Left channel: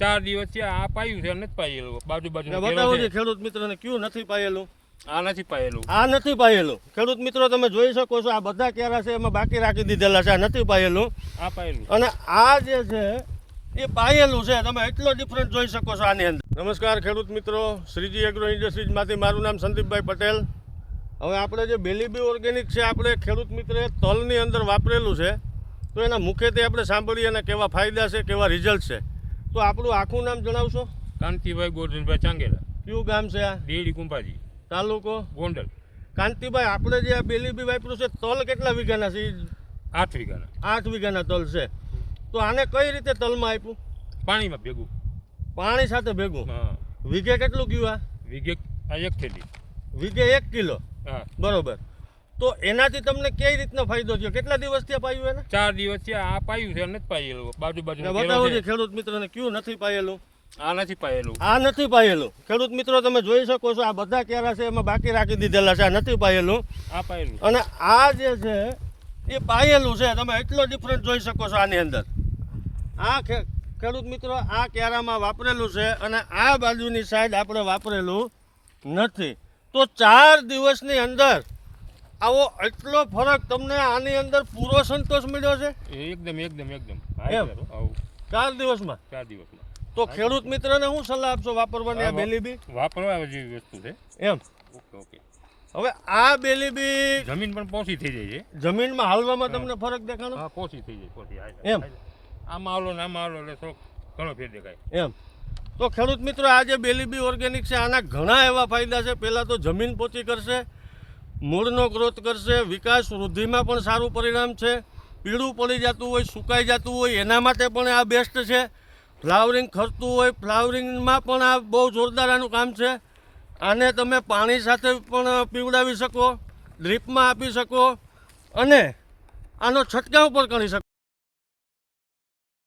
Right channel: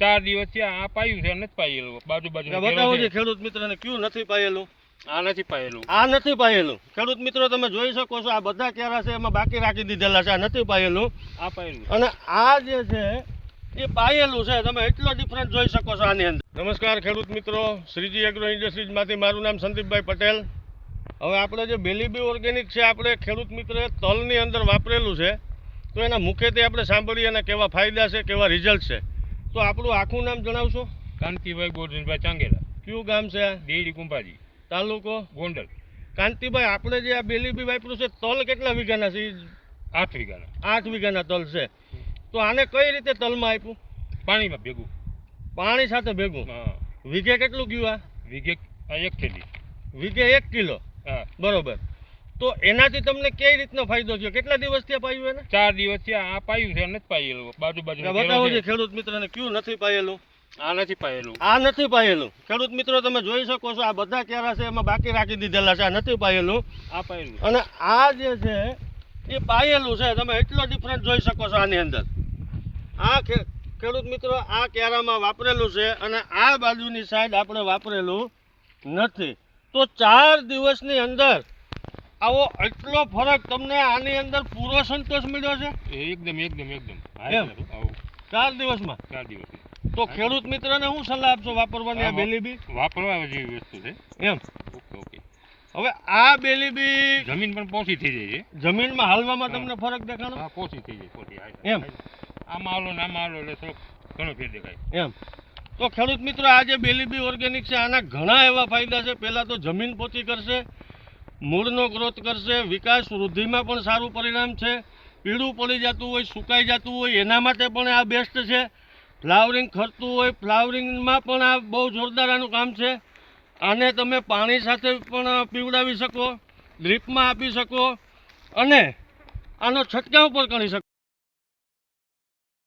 4 દિવસથી આ પાયું છે નથી પાયેલું બાજુ બતાવો છે ખેડૂત મિત્રોને કયું નથી પાયેલું. આ નથી પાયેલું. આ નથી પાયેલું. ખેડૂત મિત્રો તમે જોઈ શકો છો, આ બધા કેરા છે એમાં બાકી રાખી દીધેલા છે. આ નથી પાયેલું, આ પાયેલું. અને આ જે છે એ પાયેલું છે. તમે એટલો ડિફરન્સ જોઈ શકો છો આની અંદર. નમસ્કાર ખેડૂત મિત્રો, શ્રીજી એગ્રો ઇન્ડસ્ટ્રીઝમાંથી મારું નામ સંદીપભાઈ પટેલ. હવે આપણે જે બેલીબી ઓર્ગેનિક છે આપણે ખેડૂત મિત્રોએ તલની અંદર વાપરેલું છે, તો એના મુખ્યત્વે આપણે સાંભળીએ અને કેવા ફાયદા છે, કેવા રિઝલ્ટ છે. તો આપણું આખું નામ જણાવશો? કાંતિભાઈ ગોરધનભાઈ ચાંગેલા. કયું ગામ છે આ? દેડી કુંભાજી, તાલુકો ગોંડલ. કાંતિભાઈ, આપણે જે આ બેલીબી વાપર્યું છે, તલ કેટલા વીઘાના છે? 8 વીઘાના. 8 વીઘાના તલ છે. તો આને કઈ રીતે તલમાં આપ્યું? પાણીમાં ભેગું. પાણી સાથે ભેગું. હા. વીઘે કેટલું ગયું આ? વીઘે આ 1 થેલી. વીઘે 1 કિલો. હા. બરોબર. તો એનાથી તમને કઈ રીતનો ફાયદો થયો? કેટલા દિવસથી પાયું એને? 4 દિવસથી આ પાયું છે નથી પાયેલું બાજુ બતાવો છે ખેડૂત મિત્રોને કયું નથી પાયેલું. આ નથી પાયેલું. આ નથી પાયેલું. ખેડૂત મિત્રો તમે જોઈ શકો છો, આ બધા કેરા છે એમાં બાકી રાખી દીધેલા છે. આ નથી પાયેલું, આ પાયેલું. અને આ જે છે એ પાયેલું છે. તમે એટલો ડિફરન્સ જોઈ શકો છો આની અંદર. આ ખેડૂત મિત્રો આ કેરામાં વાપરેલું છે, અને આ બાજુની સાઈડ આપણે વાપરેલું નથી. તો 4 દિવસની અંદર આવો એટલો ફરક તમને આની અંદર પૂરો સંતોષ મળ્યો છે? એકદમ એકદમ એકદમ. એમ? 4 દિવસમાં? 4 દિવસમાં. તો ખેડૂત મિત્રને હું સલાહ આપશો વાપરવાની આ બેલીબી? વાપરવા જેવી વસ્તુ છે. એમ? Okay okay. હવે આ બેલીબી જમીન પણ પોચી થઈ જાય છે. જમીનમાં હાલવામાં તમને ફરક દેખાણો? હા, પોચી થઈ જાય, પોચી. એમ? આમાં હાલો ને આમાં હાલો એટલે થોડોક ઘણો ફેર દેખાય. એમ? તો ખેડૂત મિત્રો આ જે બેલીબી ઓર્ગેનિક છે આના ઘણા એવા ફાયદા છે. પહેલાં તો જમીન પોચી કરશે, મૂળનો ગ્રોથ કરશે, વિકાસ વૃદ્ધિમાં પણ સારું પરિણામ છે. પીળું પડી જતું હોય, સુકાઈ જતું હોય એના માટે પણ આ બેસ્ટ છે. ફ્લાવરિંગ ખરતું હોય, ફ્લાવરિંગમાં પણ આ બહુ જોરદાર આનું કામ છે. આને તમે પાણી સાથે પણ પીવડાવી શકો, ડ્રીપમાં આપી શકો, અને આનો છંટકાવ પણ કરી શકો.